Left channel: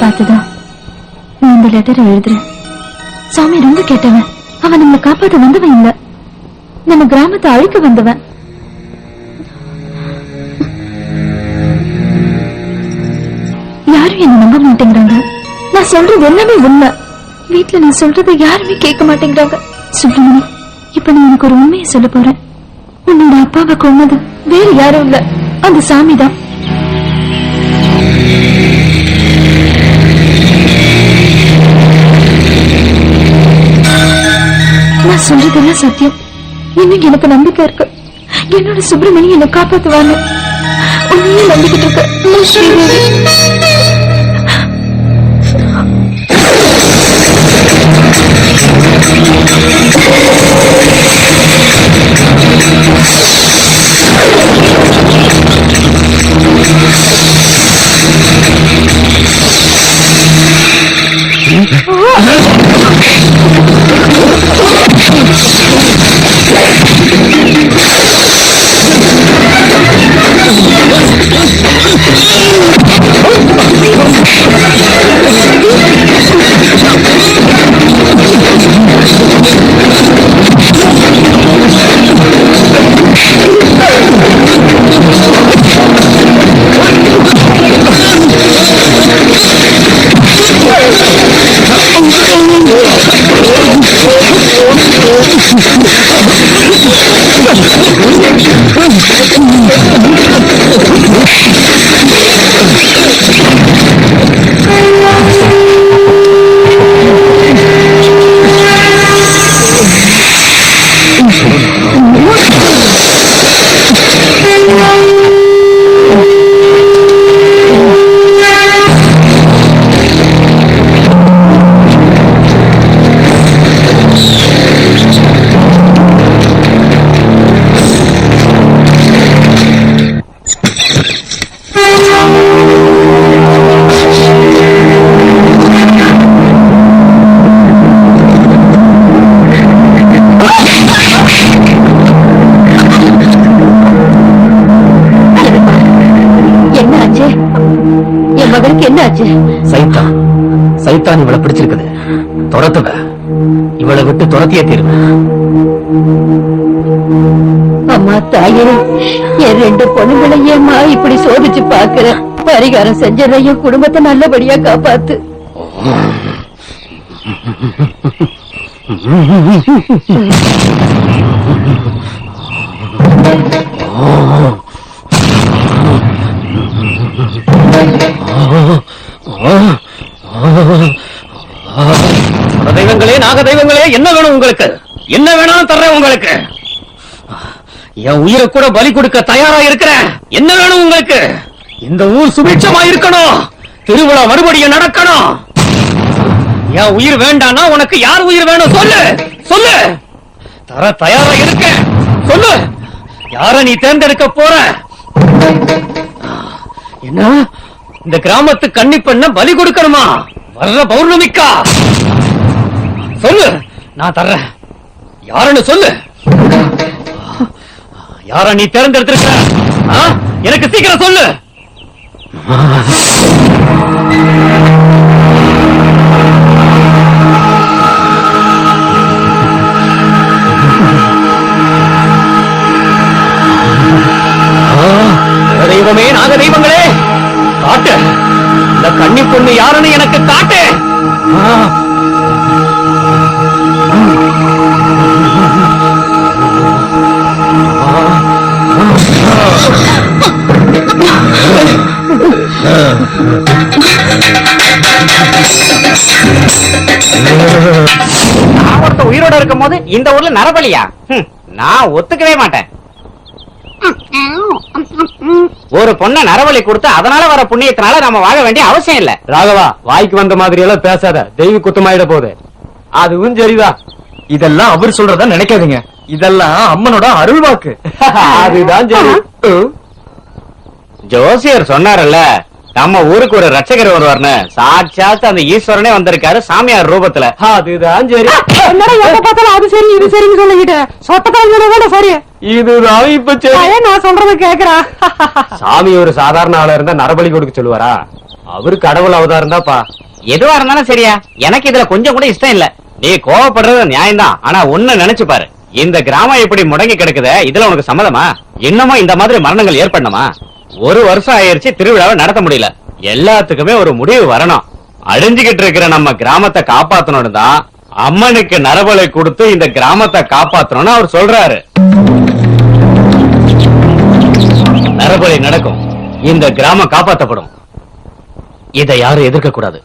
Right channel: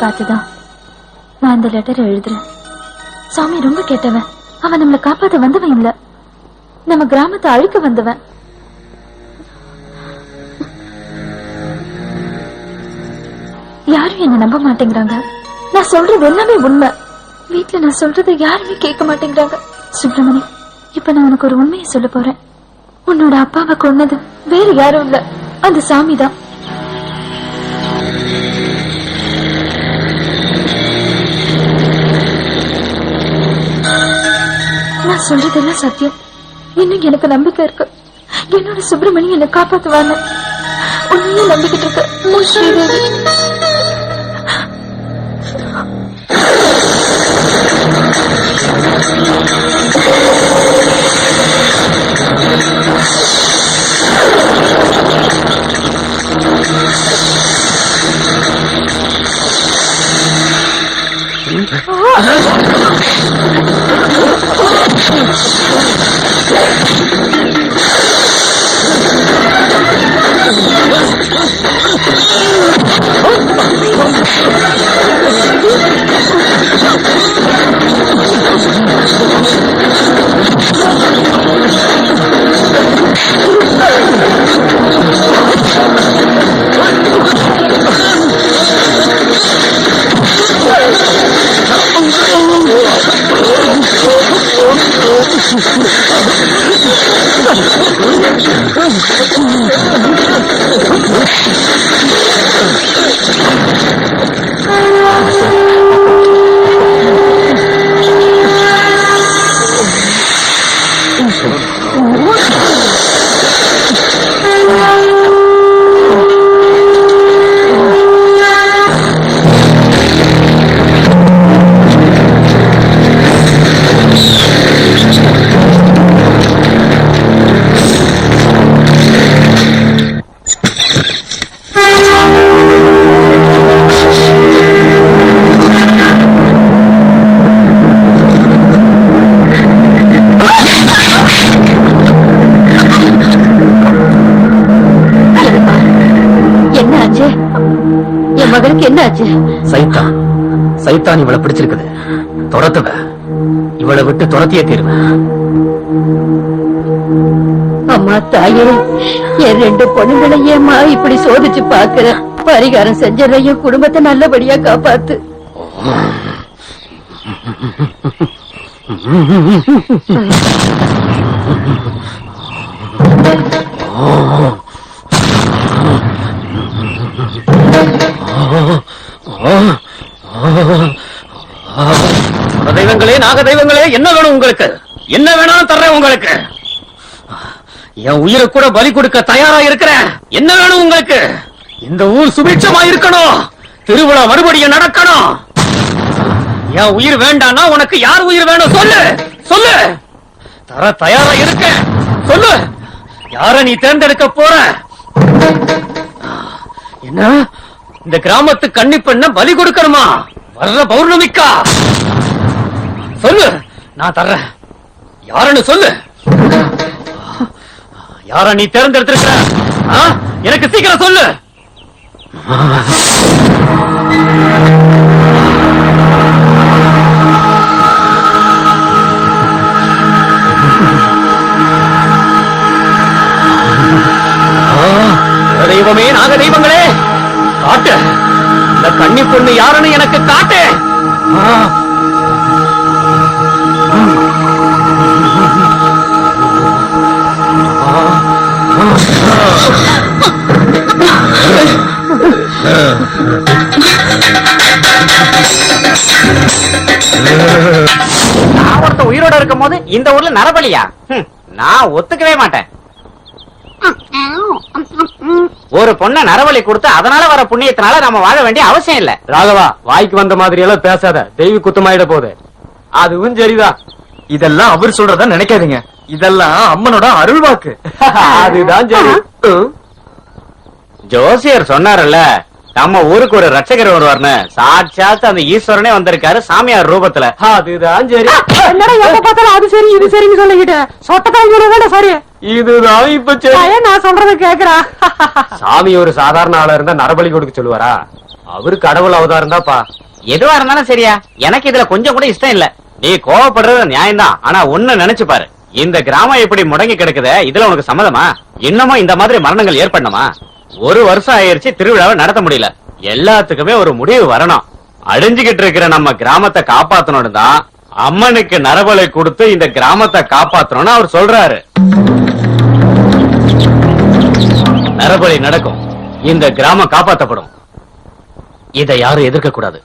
பார்த்ததா நான் இந்த லெட்டரை எழுதுறேன். சாமி ரொம்ப கேட்டவன். அவன் நம்மளை காப்பாத்த வந்தவன் இல்ல, நம்ம கிராமத்தை அழிக்க வந்தவன். யாரும் என்ன நம்ப மாட்டேங்கிறாங்க. நான் சொல்றது எல்லாமே உண்மை. வீட்டுல நான் சொல்றதை யாருமே கேட்க மாட்டேங்கிறாங்க. சுப்பிரமணி, இப்ப நான் எனக்கு ஒரு உண்மையை சொல்ல போறேன். உன்னோட அப்பாவை கொன்னது வேற யாரும் இல்ல, அந்த சாமிதான். நான் சொல்றதெல்லாம் சத்தியம். இன்னும் எனக்கு நம்பிக்கை இருக்கு. என்னோட சுப்பிரமணி என்னை காப்பாத்துவாங்க. உன்னையே நம்பிக்கிட்டு இருக்க. சைத்தான் இவளை பிடிச்சிருக்குது. துரத்துவ, இவளை விட்டு துரத்தியே தீருவ. அம்மா தாயே, என் 2 பொண்ணுகளையேம்மா இப்படி சோதிச்சு பாக்குற. பரிகாரம் செஞ்சதையும் குடும்பத்தை நல்லபடியா காப்பாத்து. தெய்வங்களே, நாக தெய்வங்களே, என்ன வேணும் உங்களுக்கு? என்ன வேணாலும் தர்றேன் உங்களுக்கு. என் உயிரை கூட பலி கொடுக்க தயாரா இருக்கிறேன். என்ன வேணும் உங்களுக்கு? இந்த ஊர் சுபிட்சமா இருக்கணும். திருவிழா மறுபடியும் நடக்கணும். என் உயிர் வேண்டானா உனக்கு யார் உயிர் வேணும்? சொல்லு சொல்லு. தர தயாரா இருக்க. சொல்லு, யார நீ தேர்ந்தெடுக்க போற? என்ன, இந்த கிராமத்து கன்னி பெண்ண பலி கொடுக்கணுமா? வர்ற பௌர்ணமிக்கா? சொல்லு, நான் தர்றேன். யாருன்னு சொல்லு. யார நீ தேர்ந்தெடுத்திருக்க? எனக்கு சீக்கிரம் சொல்லு. தெய்வமே, நாக தெய்வங்களே, காட்டு. இந்த கன்னி பொண்ணு யாருன்னு எனக்கு காட்டு. உயிரோட இருக்கும் போது இந்த ஊர்ல நரபலியா? நான் ஒத்துக்கவே மாட்டேன். ஒரு பொண்ணு நரபலி கொடுத்து அதனால வர புண்ணியத்தினால நம்ம வாழ வேண்டிய அவசியம் இல்ல. ராகவா, வாய்க்கு வந்த மாதிரி எல்லாம் பேசாத. தெய்வ குத்தமாயிட போகுது. அதுவும் சரிதான். இதெல்லாம் அவர் சொல்றதா நினைக்காதீங்க. இதெல்லாம் அம்மனோட அருள் வாக்கு. அதுதான் சரி. ஜோசியர் சொன்னாரல்ல, நம்ம ஊருக்கு ஒரு ரட்சகர் வருவார்னு சாட்சாத் அந்த ஈஸ்வரனே வந்திருக்காரு சாமியார் ரூபத்துல. அதுதான் சரி. அது சரி இது சரின்னு சொல்லிக்கிட்டேன். சொத்தக்காரங்க சரி. இதுதான் இப்ப சரி. நான் சொல்றத கேக்குறேன். சாமி ஒரு சாதாரண ஆளா இருந்தா நரபலி கொடுக்க சொல்லுவாரா? அவரு கடவுள் அவதாரம் தான்ப்பா. எதுவா இருந்தாலும் சரியா, எனக்கு இதுல கொஞ்சம் கூட இஷ்டம் இல்ல. நீ கோவப்படுறது நியாயம்தான், ஆனா ஒண்ணு நினைச்சு பாரு, இந்த கிராமம் இப்படி முடங்கி கிடக்குத, இதுல உனக்கு சம்மதமா? இன்னமும் இந்த மாதிரி மரணங்கள் ஏற்படணுமா? ஒரு வருஷம் ஆயிருச்சு, திருவிழாவை நடத்த முடியல. எல்லாத்துக்குமே ஒரு முடிவு வரணும். அழிஞ்சுகிட்டு இருக்கிற நம்ம கிராமத்தை காப்பாத்தணும்னு தான் அம்மனுக்கு நரபலை கொடுத்து இந்த கிராமத்தை காப்பாத்தணும்னு அவர் சொல்றாரு. நரபலி நடக்கும், இந்த கிராமம் காப்பாத்தப்படும். இதை யாரும் எதிர்க்க கூடாது.